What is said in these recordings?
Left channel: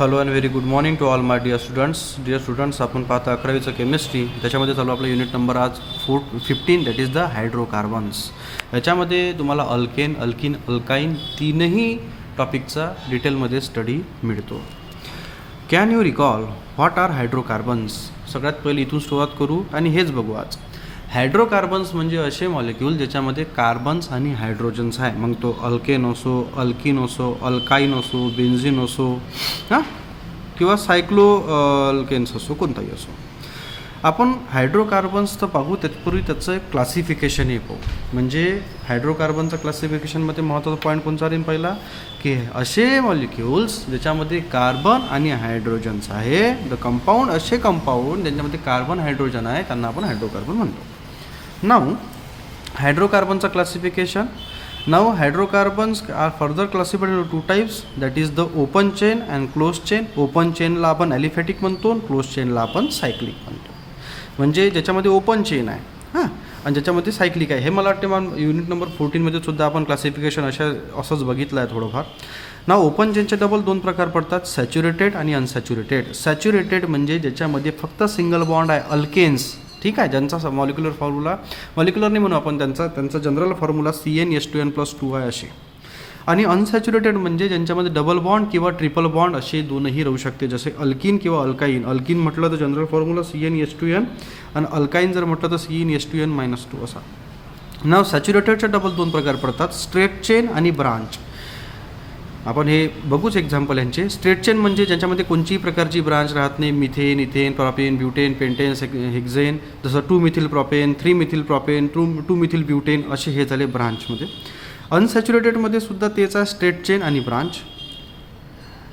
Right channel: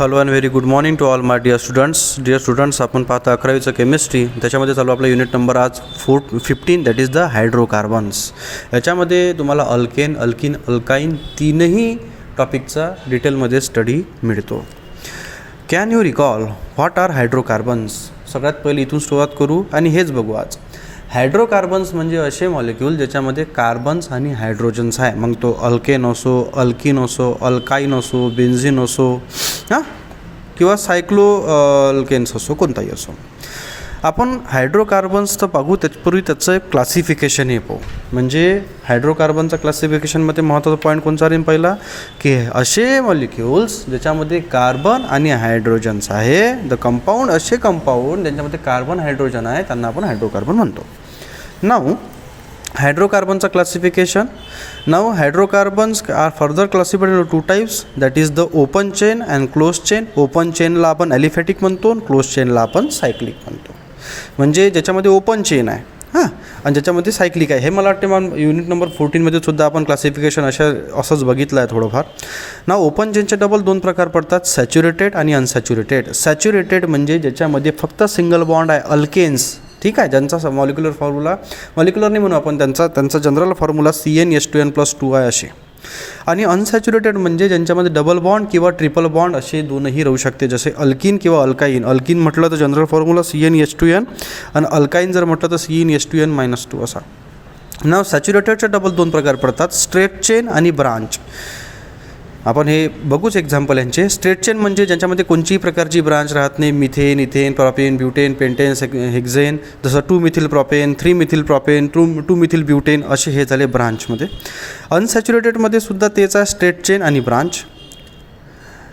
Hello and very good morning to all my dear students आपण पाहता 11वीचं chemistry. त्याच्यामध्ये चालू आपला युनिट नंबर आज 15 दॅट इज द हायड्रोकार्बन्स. याच्यामध्ये तुम्हाला अल्केन, अल्किन, अल्काईन तीनही टॉपिकचा डिटेलमध्ये स्टडी मिळतो. Can you recall what are hydrocarbons? सगळ्यात पहिले इथून सुरुवात करू आणि हेच बघू आज. हायड्रोकार्बन्स म्हणजे असे मॉलिक्यूल ज्याच्यामध्ये कार्बन्स आणि हायड्रोजन्स आहे. मग तो अल्केन असो, अल्किन असो, अल्काईन असो, बेन्झिन असो किंवा सायक्लो अल्केन्स असो, कोणताही असो. आपण हायड्रोकार्बन्स तर पाहू त्याचपूर्वी त्याचं एक क्लासिफिकेशन हे पाहू. म्हणजे हायड्रोकार्बनच्या क्लासिफिकेशनमध्ये महत्त्वाचा पॉईंट कोणता राहील पहिला, की असे मॉलिक्युल्स ज्याच्यामध्ये कार्बन आणि हायड्रोजन्स आहे. द कंपाऊंड, असे कंपाऊंड ज्यांच्यामध्ये कार्बन हायड्रोजन आहे त्यांना आपण हायड्रोकार्बन म्हणतो. नाऊ हायड्रोकार्बनचं classification. Now hydrocarbons are further classified in 2 types, that is the open chain and close chain. Open चेनला आपण ॲलिफॅटिक म्हणतो, क्लोज चेनला आपण सायक्लिक म्हणतो. म्हणजे ज्याच्यामध्ये ओपन चेन आहे आणि ज्याच्यामध्ये सायक्लिक आहे. हे मला वाटते युनिट नंबर 14मध्ये सुद्धा आपण क्लासिफिकेशन असंच बघितलं आहे थोडंफार. ना ओपन चेनचे डबल 2 प्रकार पडतात, सॅच्युरेटेड आणि अनसॅच्युरेटेड. सॅच्युरेटेड म्हणजे ज्याच्यामध्ये फक्त सिंगल बॉन्ड आहे, अल्केन्स, ठीक आहे, ज्यांचा मॉलिक्युलर नाही म्हणू आपण, त्यांचा जनरल फॉर्म्युला CnH2n+2 आहे असे. आणि अनसॅच्युरेटेड म्हणजे ज्यांच्यामध्ये डबल बॉन्ड किंवा ट्रिपल बॉन्ड असे दोनही राहू शकते, जसे अल्किन किंवा अल्काईन. अल्किन म्हटलं तर जनरल फॉर्म्युला CnH2n आणि अल्काईन जर म्हटलं तर CnH2n-2 असा. नाव सॅच्युरेटेडचे डबल 2 प्रकार पडतात, स्ट्रेट चेन आणि ब्रांच. आपण हे बघूच एक्झाम्पल यांचे. स्ट्रेट चेन म्हणजे ज्यांच्यामध्ये कोणतीही प्रकारची ब्रांच राहत नाही. Methane, ethane, propane, butane, pentane, hexane, जसं two methyl propane, three methyl propane, two methyl butane असे हे झाले ब्रांचमध्ये. अनसॅच्युरेटेडमध्ये सुद्धा तेच आहे, स्ट्रेट चेन आणि ब्रांच.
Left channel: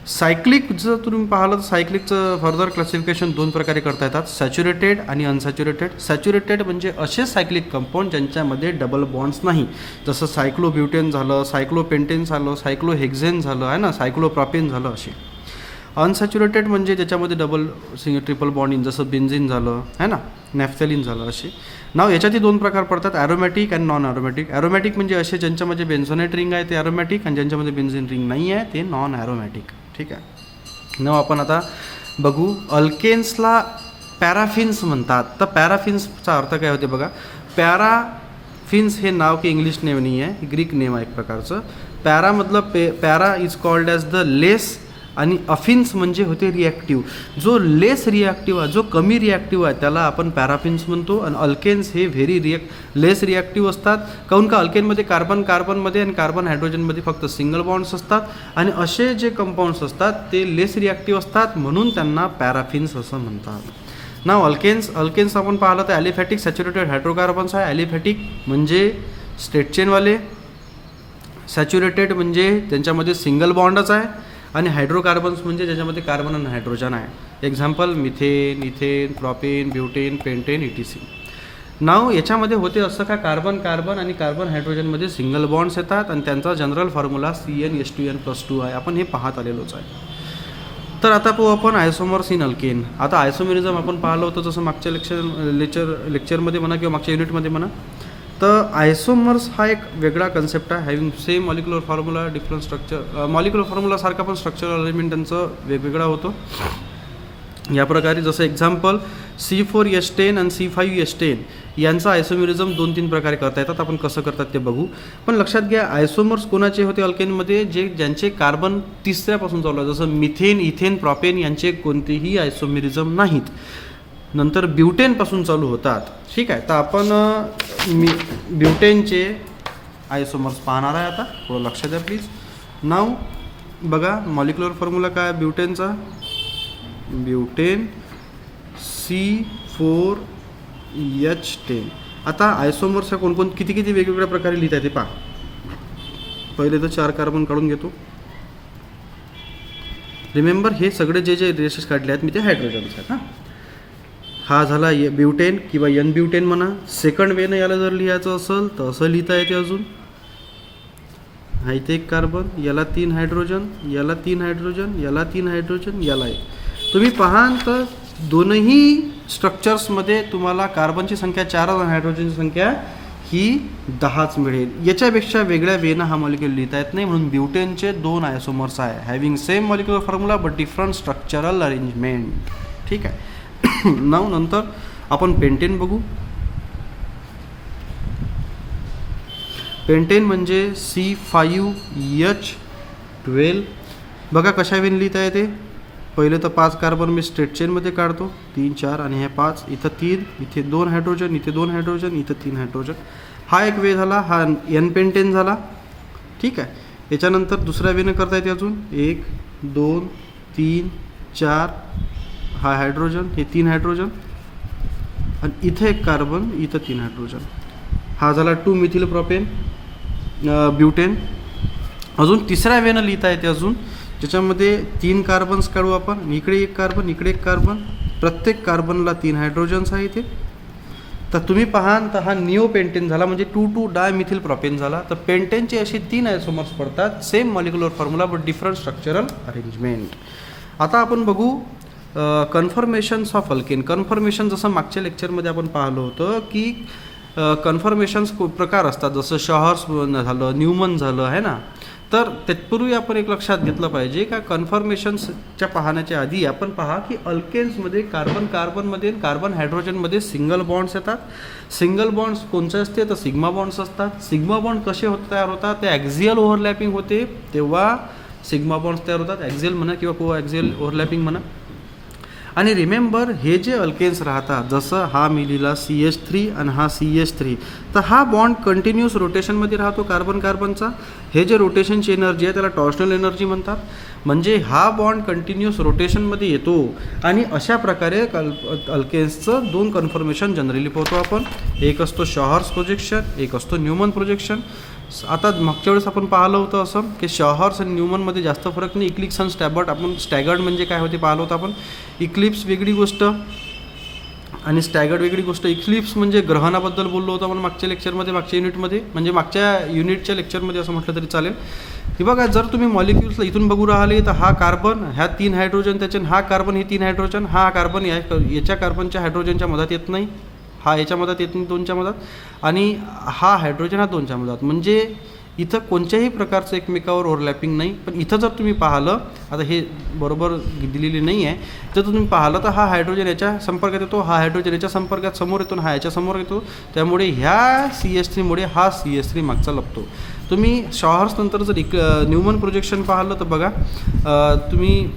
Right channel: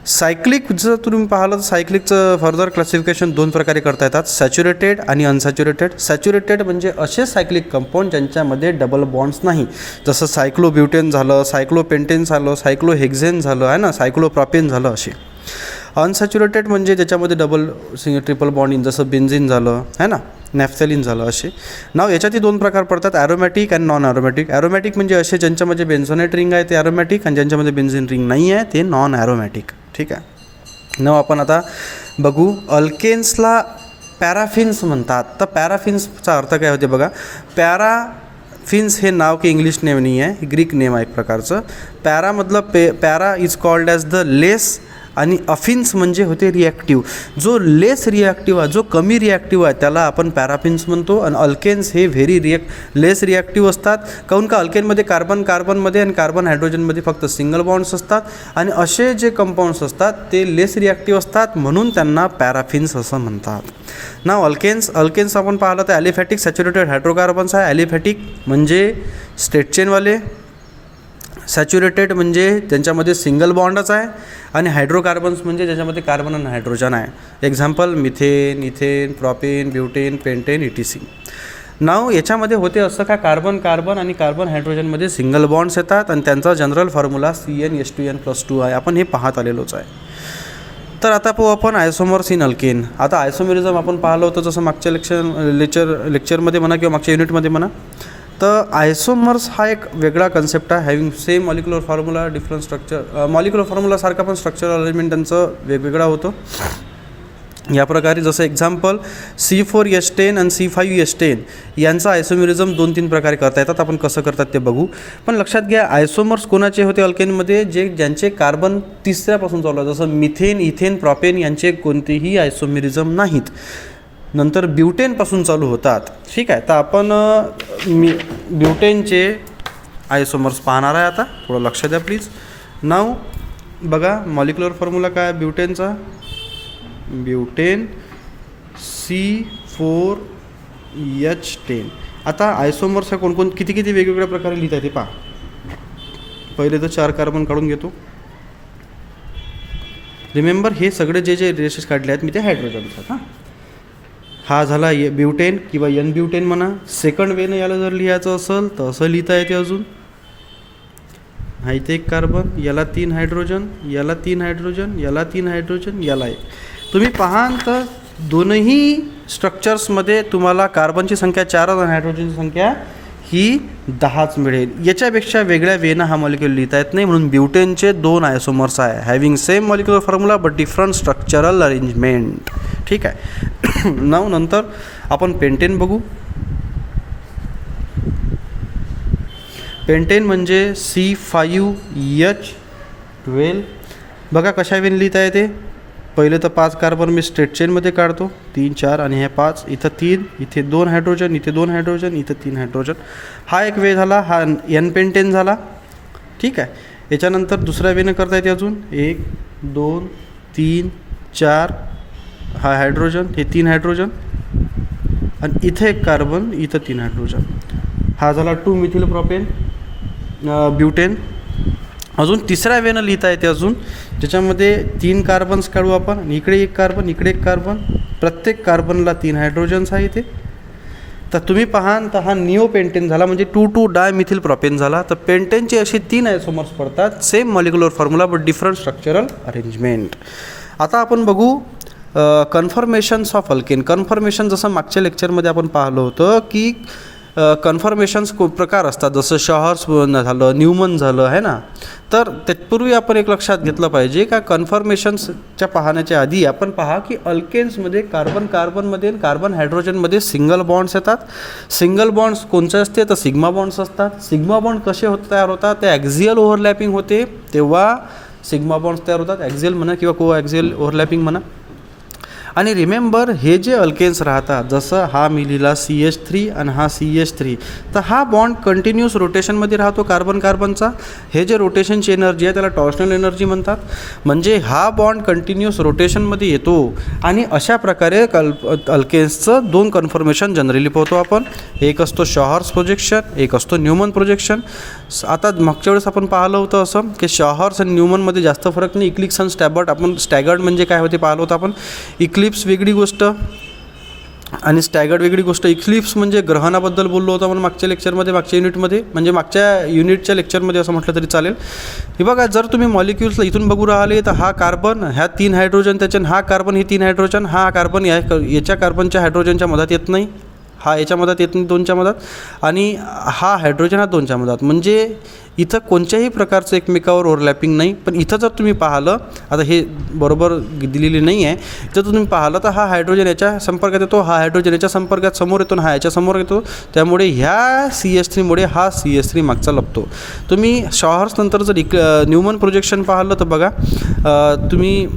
सायक्लिक जर तुम्ही पाहिलं तर सायक्लिकचं फर्दर क्लासिफिकेशन 2 प्रकारे करता येतात, सॅच्युरेटेड आणि अनसॅच्युरेटेड. सॅच्युरेटेड म्हणजे असे सायक्लिक कंपाऊंड ज्यांच्यामध्ये डबल बॉन्ड्स नाही, जसं सायक्लोब्युटेन झालं, सायक्लोपेंटेन झालं, सायक्लोहेक्झेन झालं आहे ना, सायक्लोप्रॉपेन झालं असे. अनसॅच्युरेटेड म्हणजे ज्याच्यामध्ये डबल ट्रिपल बॉन्डिंग, जसं बेन्झिन झालं आहे ना, नॅफ्थॅलिन झालं असे. नाव याच्यातही 2 प्रकार पडतात, ॲरोमॅटिक आणि नॉन ॲरोमॅटिक. ॲरोमॅटिक म्हणजे असे ज्यांच्यामध्ये बेन्झोनेट रिंग आहे ते ॲरोमॅटिक, आणि ज्यांच्यामध्ये बेन्झिन रिंग नाही आहे ते नॉन ॲरोमॅटिक. ठीक आहे. नाव आपण आता बघू. अल्केन्सला पॅराफिन्स म्हणतात. तर पॅराफिन्सचा अर्थ काय होते बघा. पॅराफिन्स हे नाव की इंग्लिश नेम नाही आहे, ग्रीक नेम आहे एक प्रकारचं. पॅरामधलं para is called as the less, आणि अफिन्स म्हणजे होते रिॲक्टिव्ह. जो लेस रिॲक्टिव्ह आहे, जो कमी रिॲक्टिव्ह आहे त्याला आपण पॅराफिन्स म्हणतो. आणि अल्केन्स हे लेस रिॲक्टिव्ह असतात. काहून का अल्केनमध्ये कार्बनमध्ये आणि कार्बन हायड्रोजनमध्ये फक्त सिंगल बॉन्ड्स असतात. आणि असे जे कंपाऊंड्स असतात ते लेस रिॲक्टिव्ह असतात, म्हणून त्यांना पॅराफिन्स असं म्हणतात. ना अल्केन्स आपण पाहिलं तर ॲलिफॅटिक सॅच्युरेटेड हायड्रोकार्बन्स आहे. ॲलिफॅटिक म्हणजे स्ट्रेट चेनवाले, सॅच्युरेटेड म्हणजे त्यांच्यामध्ये सिंगल बॉन्डच आहे, आणि हायड्रोकार्बन्स म्हणजे ज्याच्यामध्ये कार्बन आणि हायड्रोजन आहे. Example methane, ethane, propane, butane, pentane, ETC. नाव याच्यामध्ये होते असं का कार्बन आणि कार्बन हायड्रोजनमध्ये सिंगल बॉन्ड्स येतात, आणि त्यांचा जनरल फॉर्म्युला CnH2n+2 आहे. आपण हे पाहत आलेलोच आहे. तर आता पाहू आपण आयसोमर्स इन अल्केन. आता आयसोमेरिझम आपण पाहिलं होतं जसं मागच्या लेक्चरमध्ये म्हणा किंवा मागच्या युनिटमध्ये म्हणा. तर आयसोमर्स हा एक वेगळा कन्सेप्ट आहे. Having same molecular formula, different structure. Molecular फॉर्म्युलासारखा पण स्ट्रक्चरल अरेंजमेंट त्यांचं वेगवेगळा होतो. या प्रकारे जसं एक्झाम्पल C4H10 आणि C5H10 यांचा आयसोमेरिझम 2-3 प्रकारे करता येतात. आपण कसं करतात ते बघू. पण लक्षात घ्या, आयसोमर्स कोणाचे होते अल्केनमध्ये, ज्यांचे कार्बन 3ऱ्यापासून चालू आहे, जसं मिथेन, इथेन, प्रॉपेन यांचे कोणतेही आयसोमेरिझम नाहीत, नंतर ब्युटेनपासून चालू होतात. ठीक आहे. तर आपण ब्युटेनचे आयसोमर्स पाहणार आहे आता. थोडं लक्ष द्या प्लीज. नाव बघा, मॉलिक्युलर फॉर्म्युला काय ब्युटेनचा, ब्युटेन C4H10. आता आयसोमर्स ह्या किती वेगवेगळ्या प्रकारे लिहिता येते पहा. पहिले तर 4 कार्बन काढून घेतो. रिमेंबर, हे सगळे जे रेशेस काढले आहेत मी ते हायड्रोजन्स आहेत. हा झाला ब्युटेन किंवा N ब्युटेन म्हणा. सेकंड वेनं याला जर लिहायचं असेल तर असं लिहिता येते. अजून हा इथे 1 कार्बन, याला 3 हायड्रोजन, याला 3 हायड्रोजन, याला 3 हायड्रोजन, याला 1. तुम्ही पाहाल तर दोनही स्ट्रक्चर्समध्ये तुम्हाला कार्बनची संख्या 4 आणि हायड्रोजनची संख्या ही 10च मिळेल. याच्यापेक्षा वेगळ्या वेनं हा मॉलिक्यूल लिहिता येत नाही, म्हणून ब्युटेनचे 2 आयसोमर्स आहे, having same molecular formula but different structural arrangement. ठीक आहे. नाव नंतर आपण पेंटेन बघू. पेंटेन म्हणजे C5H12. बघा कशा वेन लिहिता येते. पहिले तर 5 कार्बन मी स्ट्रेट चेनमध्ये काढतो, 3 4 आणि हे 5, इथं 3, इथे 2 हायड्रोजन, इथे 2 हायड्रोजन, इथे 3 हायड्रोजन. हा एक वे झाला, हा एन पेंटेन झाला. ठीक आहे. याच्यानंतर दुसऱ्या वेने करता येते अजून 1 2 3 4, हा हायड्रोजन, हे 3 हायड्रोजन आणि इथे एक कार्बन, इथं 3 हायड्रोजन. हा झाला 2 मिथिल प्रोपेन ब्युटेन. अजून तिसऱ्या वेनं लिहिता येते अजून, ज्याच्यामध्ये 3 कार्बन्स काढू आपण, आणि इकडे एक कार्बन, इकडे एक कार्बन, प्रत्येक कार्बनला 3 हायड्रोजन्स आहे इथे. तर तुम्ही पाहाल तर हा निओ पेंटेन झाला, म्हणजे 2,2 डायमिथिल प्रोपेन झाला. तर पेंटेनचे असे 3 आयसोमर्स पडतात, same molecular formula but different structural arrangement. आता आपण बघू कन्फर्मेशन्स ऑफ अल्केन. कन्फर्मेशन जसं मागच्या लेक्चरमध्ये आपण पाहिलं होतं की कन्फर्मेशन्स प्रकार असतात, जसं शॉहर्स झालं, न्यूमन झालं आहे ना. तर तत्पूर्वी आपण एक लक्षात घेतलं पाहिजे का कन्फर्मेशन्सच्या पाहण्याच्या आधी आपण पहा की अल्केन्समध्ये कार्बनमध्ये कार्बन हायड्रोजनमध्ये सिंगल बॉन्ड्स येतात. सिंगल बॉन्ड्स कोणते असते तर सिग्मा बॉन्ड्स असतात. सिग्मा बॉन्ड कसे तयार होतात, ते ॲक्झियल ओव्हरलॅपिंग होते तेव्हा सिग्मा बॉन्ड्स तयार होतात. ॲक्झियल म्हणा किंवा को ॲक्झियल ओव्हरलॅपिंग म्हणा. आणि रिमेंबर हे जे अल्केन्स राहतात, जसं हा मी लिहिला CH3 आणि हा CH3, तर हा बॉन्ड कंटिन्यूस रोटेशनमध्ये राहतो कार्बनचा. हे जे रोटेशनची एनर्जी आहे त्याला टॉर्शनल एनर्जी म्हणतात. म्हणजे हा बॉन्ड कंटिन्यूस रोटेशनमध्ये येतो. आणि अशा प्रकारे अल्केन्सचं 2 कन्फर्मेशन जनरली पाहतो आपण. एक असतो शॉहर्स प्रोजेक्शन, एक असतो न्यूमन प्रोजेक्शन. आता मागच्या वेळेस आपण पाहिलं होतं असं की शॉहर्स आणि न्यूमनमध्ये जास्त फरक नाही. इक्लिप्स आणि स्टॅगर्ड, आपण स्टॅगर्ड म्हणजे काय होते पाहिलं होतं आपण. इक्लिप्स वेगळी गोष्ट आणि स्टॅगर्ड वेगळी गोष्ट. इक्लिप्स म्हणजे ग्रहणाबद्दल बोललो होतो आपण मागच्या लेक्चरमध्ये, मागच्या युनिटमध्ये, म्हणजे मागच्या युनिटच्या लेक्चरमध्ये असं म्हटलं तरी चालेल. हे बघा, जर तुम्ही मॉलिक्युल्सला इथून बघू राहिले तर हा कार्बन, ह्या 3 हायड्रोजन, त्याच्या हा कार्बन, हे 3 हायड्रोजन, हा कार्बन याच्या कार्बनच्या हायड्रोजनच्या मधात येत नाही, हा याच्या मधात येत नाही 2च्या मधात, आणि हा हायड्रोजन हा 2च्या मधात. म्हणजे इथं कोणत्याही प्रकारचं एकमेकावर ओव्हरलॅपिंग नाही. पण इथं जर तुम्ही पाहिलं, आता हे बरोबर दिलेली नाही आहे, जर तुम्ही पाहिलं तर हा हायड्रोजन याच्या संपर्कात येतो, हा हायड्रोजन याच्या संपर्कात समोर येतो, हा याच्या समोर येतो. त्यामुळे ह्या CH3मुळे हा CH3 मागचा लपतो. तुम्ही शॉहर्स नंतर जर न्यूमन प्रोजेक्शन पाहिलं तर बघा, तुम्ही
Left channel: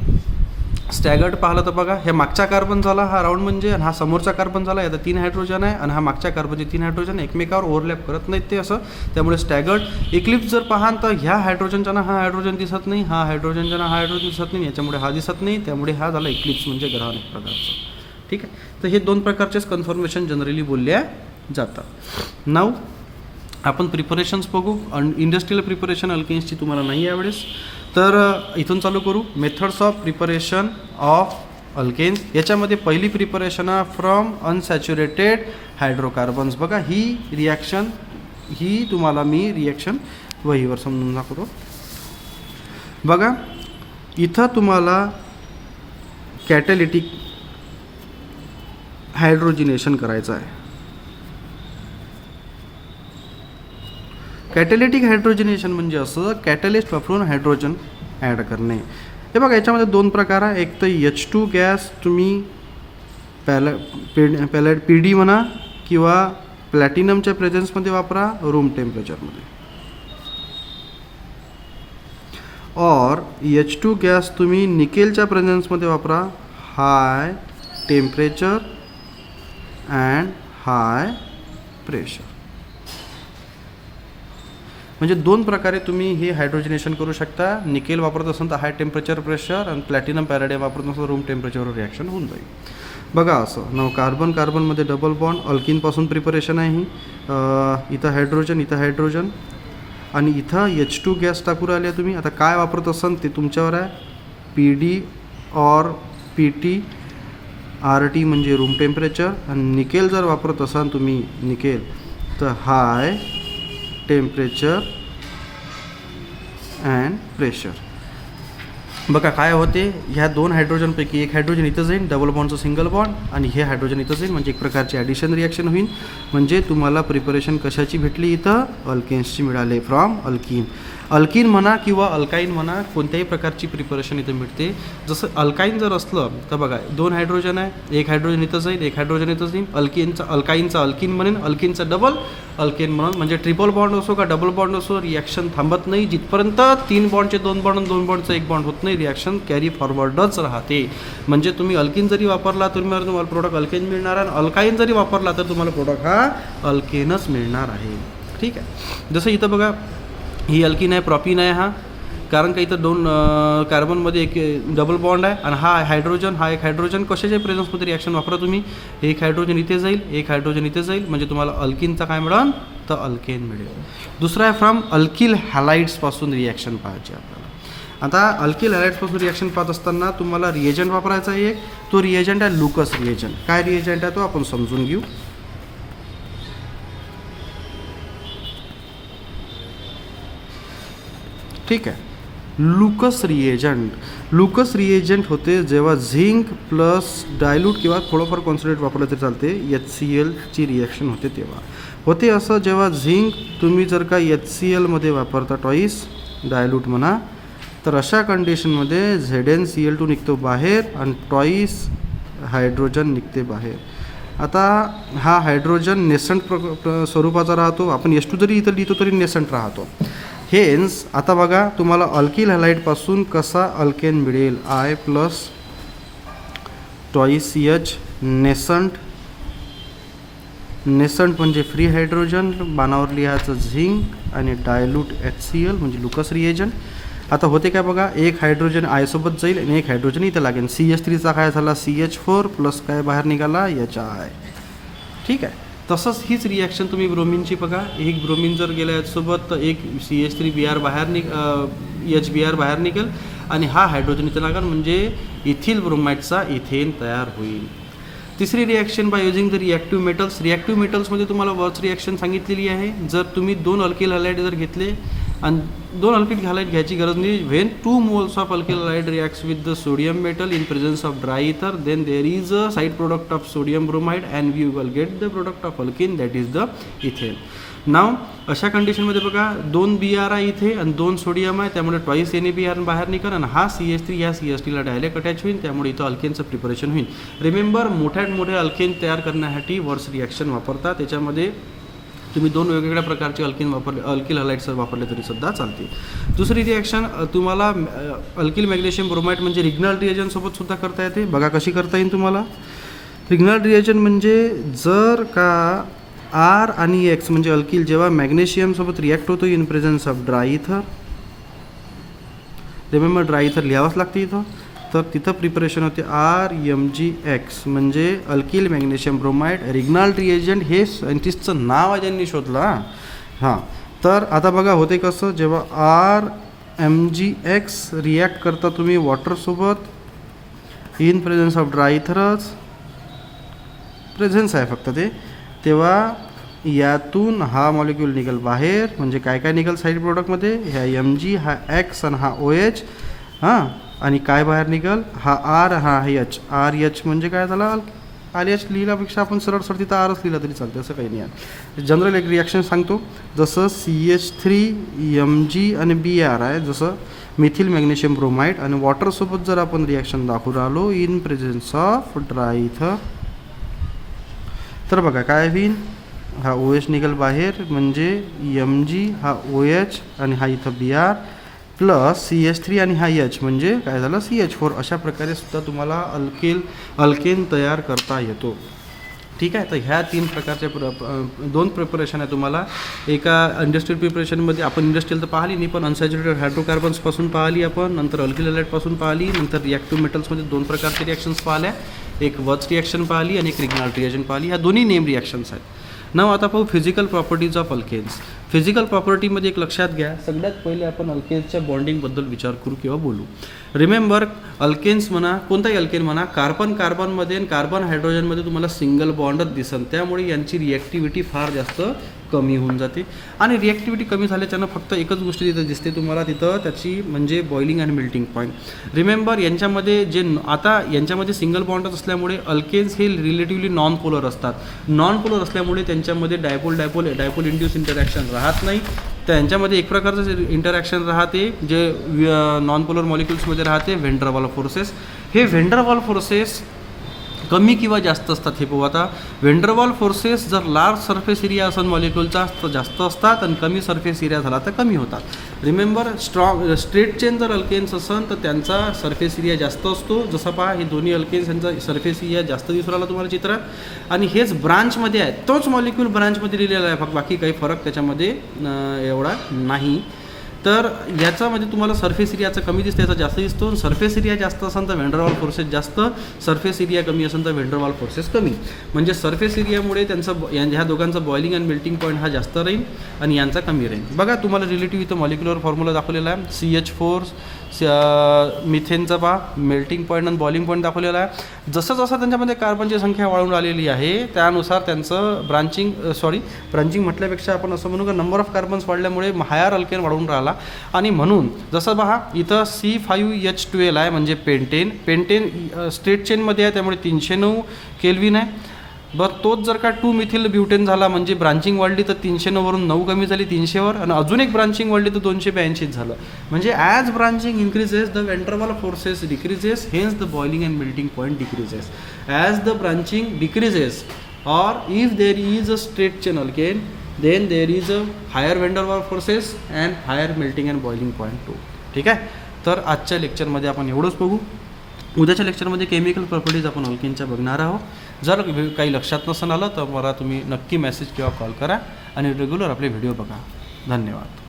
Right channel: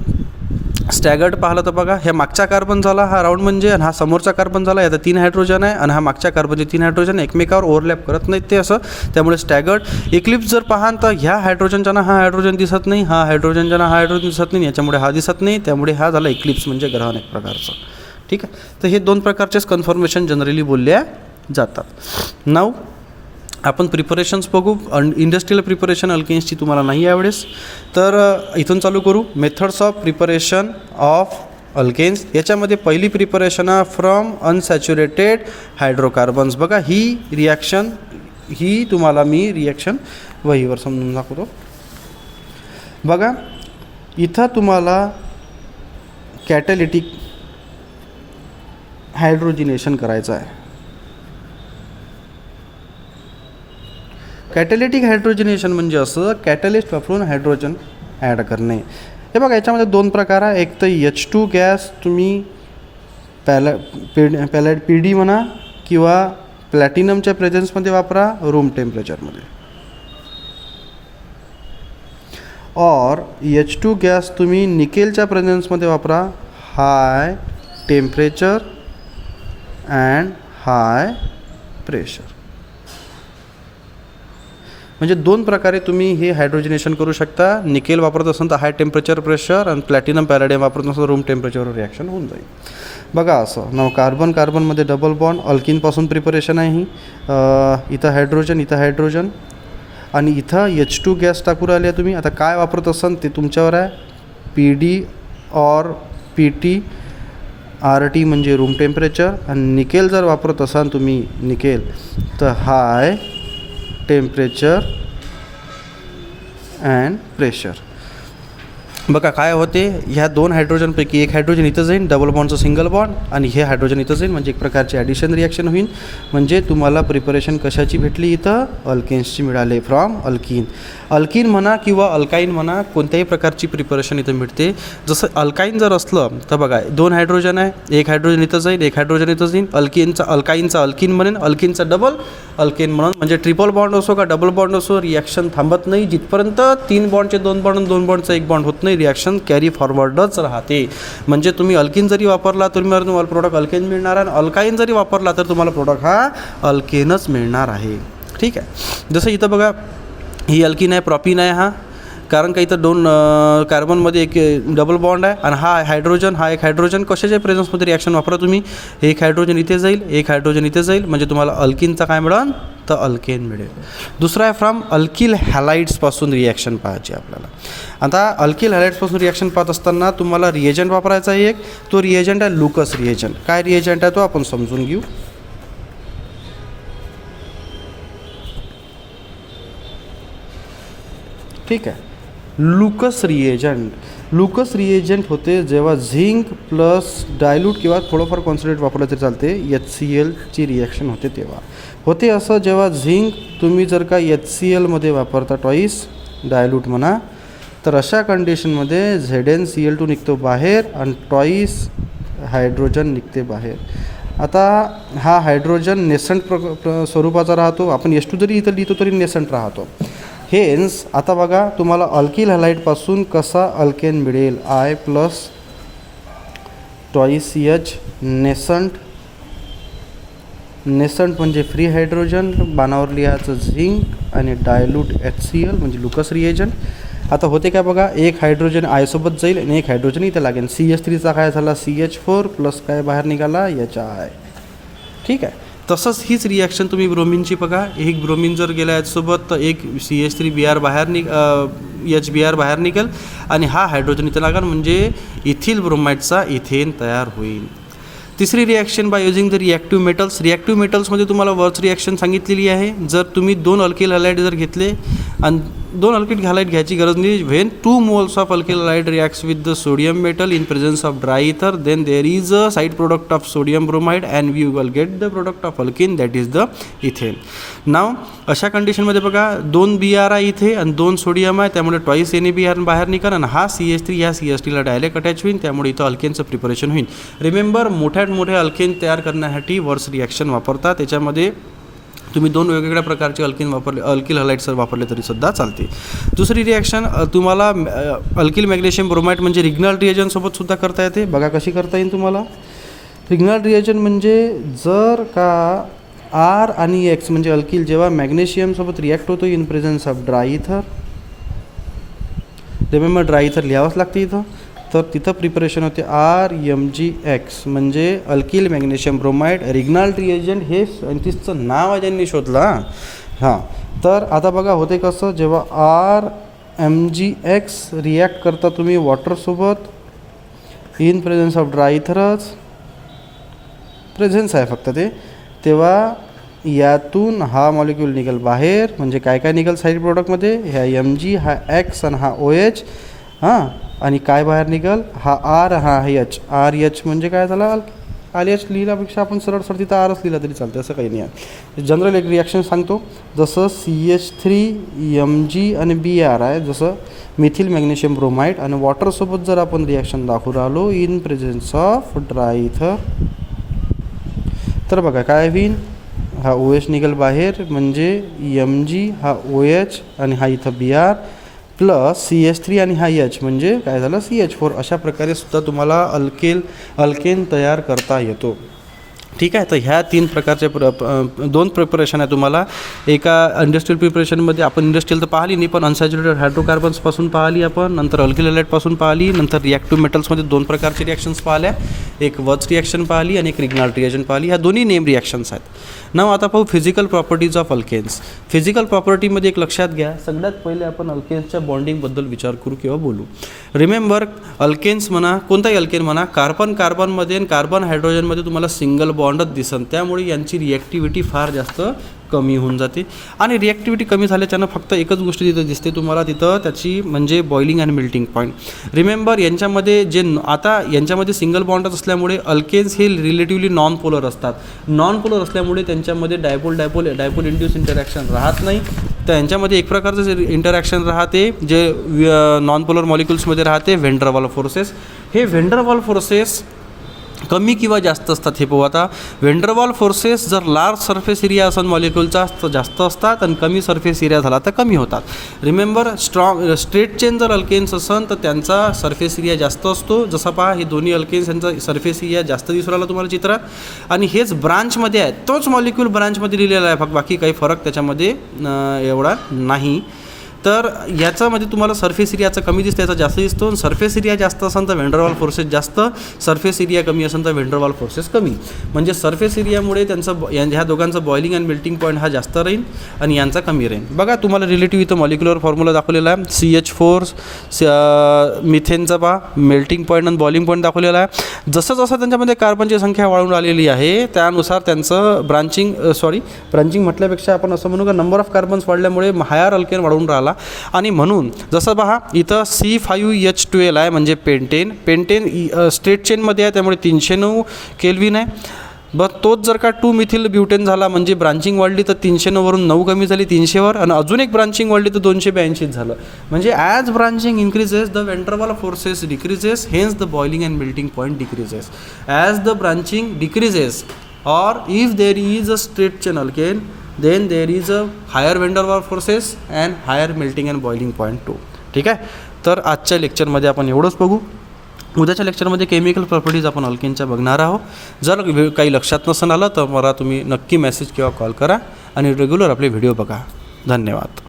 स्टॅगर्ड पाहिलं तर बघा, ह्या मागचा कार्बन झाला हा राऊंड म्हणजे, आणि हा समोरचा कार्बन झाला, याचा 3 हायड्रोजन आहे, आणि हा मागच्या कार्बनचे 3 हायड्रोजन एकमेकावर ओव्हरलॅप करत नाहीत ते असं. त्यामुळे स्टॅगर्ड. इक्लिप्स जर पाहाल तर ह्या हायड्रोजनच्या ना हा हायड्रोजन दिसत नाही, हा हायड्रोजनच्या ना हा हायड्रोजन दिसत नाही, याच्यामुळे हा दिसत नाही, त्यामुळे हा झाला इक्लिप्स म्हणजे ग्रहण एक प्रकारचं. ठीक आहे. तर हे 2 प्रकारचेच कन्फर्मेशन जनरली बोलल्या जातात. नाव आपण प्रिपरेशन्स बघू. इंडस्ट्रियल प्रिपरेशन अल्केन्सची तुम्हाला नाही यावेळेस, तर इथून चालू करू. Methods of preparation of alkanes. याच्यामध्ये पहिली प्रिपरेशन आहे फ्रॉम अनसॅच्युरेटेड हायड्रोकार्बन्स. बघा, ही रिॲक्शन, ही तुम्हाला मी रिॲक्शन वहीवर समजून दाखवतो. बघा, इथं तुम्हाला कॅटॅलिटिक हायड्रोजिनेशन करायचं आहे. कॅटॅलिटिक हायड्रोजनेशन म्हणजे असं कॅटॅलिस्ट वापरून हायड्रोजन ॲड करणे. हे बघा, याच्यामध्ये 2 प्रकार आहे. एक तर H2 गॅस तुम्ही PD म्हणा किंवा प्लॅटिनमच्या प्रेझेन्समध्ये वापरा रूम टेम्परेचरमध्ये, और H2 गॅस तुम्ही निकेलच्या प्रेझेन्समध्ये वापरा high temperature and high pressure. म्हणजे 2 प्रकारे तुम्ही हे हायड्रोजनेशन करू शकता. निकेल वापरत असाल तर हाय टेम्परेचर प्रेशर, आणि प्लॅटिनम पॅराडाईम वापरत असाल रूम टेम्परेचरवर रिॲक्शन होऊन जाईल. बघा असं नाव कार्बनमध्ये डबल बॉन्ड, अल्किनपासून प्रिपरेशन आहे ही. इथं हायड्रोजन आणि इथं H2 गॅस टाकू राहिले तुम्ही. आता काय वापरत असाल ते तुमच्यावर आहे. PD और PT, RT म्हणजे रूम टेम्परेचर, आणि निकेल जर वापरत असाल तुम्ही निकेल तर हाय टेम्परेचर अँड प्रेशर. बघा काय होते, ह्या 2 हायड्रोजनपैकी एक हायड्रोजन इथं जाईल, डबल बॉन्डचं सिंगल बॉन्ड, आणि हे हायड्रोजन इथं जाईल, म्हणजे एक प्रकारची ॲडिशन रिॲक्शन होईल. म्हणजे तुम्हाला प्रिपरेशन कशाची भेटली इथं, अल्केन्सची मिळाले फ्रॉम अल्कीन. अल्कीन म्हणा किंवा अल्काईन म्हणा, कोणत्याही प्रकारची प्रिपरेशन इथं मिळते. जसं अल्काईन जर असलं तर बघा 2 हायड्रोजन आहे, एक हायड्रोजन इथं जाईल, एक हायड्रोजन इथं जाईल, अल्काईनचा अल्कीन म्हणेन, अल्कीनचा डबल अल्केन म्हणून. म्हणजे ट्रिपल बॉन्ड असो का डबल बॉन्ड असो, रिॲक्शन थांबत नाही. जिथपर्यंत 3 बॉन्डचे 2 बॉन्ड, 2 बॉन्डचा 1 बॉन्ड होत नाही, रिॲक्शन कॅरी फॉरवर्डच राहते. म्हणजे तुम्ही अल्कीन जरी वापरला तर तुम्हाला प्रोडक्ट अल्केन मिळणार, आणि अल्काईन जरी वापरला तर तुम्हाला प्रोडक्ट हा अल्केनच मिळणार आहे. ठीक आहे. जसं इथं बघा ही अल्कीन आहे, प्रॉपिन आहे हा, कारण का इथं 2 कार्बनमध्ये एक डबल बॉन्ड आहे, आणि हा हायड्रोजन, हा एक हायड्रोजन. कशाच्या प्रेझन्समध्ये रिॲक्शन वापरा तुम्ही, एक हायड्रोजन इथे जाईल, एक हायड्रोजन इथे जाईल, म्हणजे तुम्हाला अल्कीनचा काय मिळेल, तर अल्केन मिळेल. दुसरा आहे फ्रॉम अल्किल हॅलाइड्सपासून रिॲक्शन पाहायची आपल्याला. आता अल्किल हॅलाइड्सपासून रिॲक्शन पाहत असताना तुम्हाला रिएजंट वापरायचा आहे एक, तो रिएजंट आहे लुकस रिएजंट. काय रिएजंट आहे तो आपण समजून घेऊ. ठीक आहे. लुकस रिएजंट होते जेव्हा झिंक प्लस डायल्यूट किंवा थोडंफार कॉन्सन्ट्रेट वापरलं तरी चालते, HClची रिॲक्शन होते तेव्हा होते. असं जेव्हा झिंक तुम्ही जर का HClमध्ये वापरता टॉईस डायल्यूट म्हणा, तर अशा कंडिशनमध्ये ZnCl2 निघतो बाहेर आणि टॉईस हायड्रोजन निघते बाहेर. आता हा हायड्रोजन नेसंट स्वरूपाचा राहतो, आपण H2 जरी इथं लिहितो तरी नेसंट राहतो. हेन्स आता बघा तुम्हाला अल्किल हॅलाइडपासून कसा अल्केन मिळेल, I प्लस टॉईस CH नेसंट म्हणजे फ्री हायड्रोजन, बाणावर लिहायचं झिंक, आणि डायल्यूट HCl म्हणजे लुकस रिएजंट. आता होते काय बघा, एक हायड्रोजन I सोबत जाईल आणि एक हायड्रोजन इथे लागेल. CH3चा काय झाला, CH4 प्लस काय बाहेर निघाला, HI. ठीक आहे. तसंच हीच रिॲक्शन तुम्ही ब्रोमिनची बघा, एक ब्रोमिन जर गेला याच्यासोबत तर एक CH3Br बाहेर HBr बाहेर निघेल, आणि हा हायड्रोजन इथं लागेल, म्हणजे इथिल ब्रोमाइडचा इथेन तयार होईल. तिसरी reaction by using the reactive metals. Reactive मेटल्समध्ये तुम्हाला वर्च रिॲक्शन सांगितलेली आहे. जर तुम्ही 2 अल्किल हॅलाइड जर घेतले, आणि 2 अल्किल हॅलाइड घ्यायची गरज नाही, when 2 moles of alkyl halide reacts with the sodium metal in presence of dry ether, then there is a side product of sodium bromide and we will get the product of alkane, that is the ethane. नाव अशा कंडिशनमध्ये बघा 2 Br आहे इथे आणि 2 sodium आहे, त्यामुळे toys NaBr बाहेर निघाल, आणि हा CH3 ह्या CH3ला डायरेक्ट अटॅच होईल, त्यामुळे इथं अल्केनचं प्रिपरेशन होईल. रिमेंबर, मोठ्यात मोठे अल्केन तयार करण्यासाठी वर्स रिॲक्शन वापरतात. त्याच्यामध्ये तुम्ही 2 वेगवेगळ्या प्रकारचे अल्किल हॅलाइड्स वापरले तरी सुद्धा चालते. दुसरी रिॲक्शन तुम्हाला अल्किल मॅग्नेशियम ब्रोमाइड म्हणजे रिग्नल रिएजनसोबत सुद्धा करता येते. बघा कशी करता येईल तुम्हाला. रिग्नल रिएजन म्हणजे जर का R आणि X म्हणजे अल्किल जेव्हा मॅग्नेशियमसोबत रिॲक्ट होतो इन प्रेझन्स ऑफ ड्राय इथर, रिमेंबर ड्राय इथर लिहावंच लागते इथं, तर तिथं प्रिपरेशन होते RMgX म्हणजे अल्किल मॅग्नेशियम ब्रोमाइड. रिग्नल रिएजंट हे सायंटिस्टचं नाव आहे ज्यांनी शोधला. हां, तर आता बघा होते कसं, जेव्हा RMgX रिॲक्ट करता तुम्ही वॉटरसोबत इन प्रेझन्स ऑफ ड्राय इथरच प्रेझन्स आहे फक्त ते, तेव्हा यातून हा मॉलिक्यूल निघेल बाहेर. म्हणजे काय काय निघेल साईड प्रोडक्टमध्ये, ह्या Mg, हा X आणि हा OH. हां, आणि काय बाहेर निघेल, हा R, हा H. RH म्हणजे काय झाला, RH लिहिल्यापेक्षा आपण सरळ तिथं Rच लिहिला तरी चालतं, असं काही नाही आहे. जनरल एक रिॲक्शन सांगतो, जसं CH3 Mg आणि Br आहे, जसं मिथिल मॅग्नेशियम ब्रोमाइड, आणि वॉटरसोबत जर आपण रिॲक्शन दाखवून राहिलो इन प्रेझन्स ऑफ ड्राय इथर, तर बघा काय होईल, हा OH निघेल बाहेर, म्हणजे Mg, हा OH आणि हा इथं Br प्लस CH3 आणि हा H म्हणजे काय झालं, CH4. अशा प्रकारे सुद्धा तुम्हाला अल्केन तयार करता येतो. ठीक आहे. तर ह्या 3 प्रकारचे 2 प्रिपरेशन आहे तुम्हाला. एका इंडस्ट्रियल प्रिपरेशनमध्ये आपण इंडस्ट्रियल तर पाहिली नाही, पण अनसॅच्युरेटेड हायड्रोकार्बन्सपासून पाहिली आपण, नंतर अल्किल हॅलाइडपासून पाहिली, नंतर रिॲक्टिव्ह मेटल्समध्ये 2 प्रकारचे रिॲक्शन्स पाहिल्या, एक वर्च रिॲक्शन पाहिली आणि एक रिग्नल रिएजंट पाहिली. ह्या दोन्ही नेम रिॲक्शन्स आहेत. नाव आता पाहू physical properties of alkanes. Physical प्रॉपर्टीमध्ये एक लक्षात घ्या, सगळ्यात पहिले आपण अल्केन्सच्या बॉन्डिंगबद्दल विचार करू किंवा बोलू. रिमेंबर, अल्केन्स म्हणा, कोणताही अल्केन म्हणा, कार्बनमध्ये आणि कार्बन हायड्रोजनमध्ये तुम्हाला सिंगल बॉन्डच दिसन, त्यामुळे यांची रिॲक्टिव्हिटी फार जास्त कमी होऊन जाते. आणि रिॲक्टिव्हिटी कमी झाल्याच्यानं फक्त एकच गोष्ट तिथं दिसते तुम्हाला, तिथं त्याची म्हणजे बॉइलिंग आणि मेल्टिंग पॉईंट. रिमेंबर यांच्यामध्ये आता यांच्यामध्ये सिंगल बॉन्डच असल्यामुळे अल्केन्स हे रिलेटिव्हली नॉन पोलर असतात. नॉन पोलर असल्यामुळे त्यांच्यामध्ये डायपोल इंड्यूस इंटरॅक्शन राहत नाही. तर यांच्यामध्ये एक प्रकारचं जे इंटरॅक्शन राहते जे नॉन पोलर मॉलिक्युल्समध्ये राहते, व्हेन डर वाल फोर्सेस. हे व्हेन डर वाल फोर्सेस कमी किंवा जास्त असतात हे पाहू. आता व्हेन डर वाल फोर्सेस जर लार्ज सरफेस एरिया असेल मॉलिक्युलचा तर जास्त असतात आणि कमी सरफेस एरिया झाला तर कमी होतात. रिमेंबर स्ट्रेट चेन जर अल्केन्स असेल तर त्यांचा सरफेस एरिया जास्त असतो. जसा पहा हे दोन्ही अल्केन्स यांचा सरफेस एरिया जास्त दिसून राहिला तुम्हाला चित्रात. आणि हेच ब्रांचमध्ये आहे, तोच मॉलिक्यूल ब्रांचमध्ये लिहिलेला आहे, फक्त बाकी काही फरक त्याच्यामध्ये एवढा नाही. तर याच्यामध्ये तुम्हाला सरफेस एरियाचा कमी दिसतं, याचा जास्त दिसतो. सरफेस एरिया जास्त असेल तर व्हेन डर वाल फोर्सेस जास्त, सरफेस एरिया कमी असेल तर व्हेन डर वाल फोर्सेस कमी. म्हणजे सरफेस एरियामुळे त्यांचं ह्या दोघांचा बॉइलिंग आणि मेल्टिंग पॉईंट हा जास्त राहील आणि यांचा कमी राहील. बघा तुम्हाला रिलेटिव्ह इथं मॉलिक्युलर फॉर्म्युला दाखवलेला आहे. CH4 मिथेनचा पहा मेल्टिंग पॉईंट आणि बॉइलिंग पॉईंट दाखवलेला आहे. जसं जसं त्यांच्यामध्ये कार्बनची संख्या वाढून आलेली आहे त्यानुसार त्यांचं ब्रांचिंग म्हटल्यापेक्षा आपण असं म्हणू का नंबर ऑफ कार्बन्स वाढल्यामुळे हायर अल्केन वाढून राहिला. आणि म्हणून जसं पहा इथं C5H12 आहे म्हणजे पेंटेन स्ट्रेट चेनमध्ये आहे त्यामुळे 309 केल्विन आहे. तोच जर का 2 मिथिल ब्युटेन झाला म्हणजे ब्रांचिंग वाढली तर 309 वरून 9 कमी झाली 300वर, आणि अजून एक ब्रांचिंग वाढली तर 282 झालं. म्हणजे as branching increases the van der Waals forces decreases, hence the boiling and melting point decreases. As the branching decreases or if there is a straight chain alkane then there is a higher van der Waals forces and higher melting and boiling point too. ठीक आहे. तर आजच्या लेक्चरमध्ये आपण एवढंच बघू. उद्याच्या लेक्चरमध्ये केमिकल प्रॉपर्टीज आपण अल्केनच्या बघणार आहोत. जर काही लक्षात नसेल आलं तर मला तुम्ही नक्की मेसेज किंवा कॉल करा आणि रेग्युलर आपले व्हिडिओ बघा. धन्यवाद.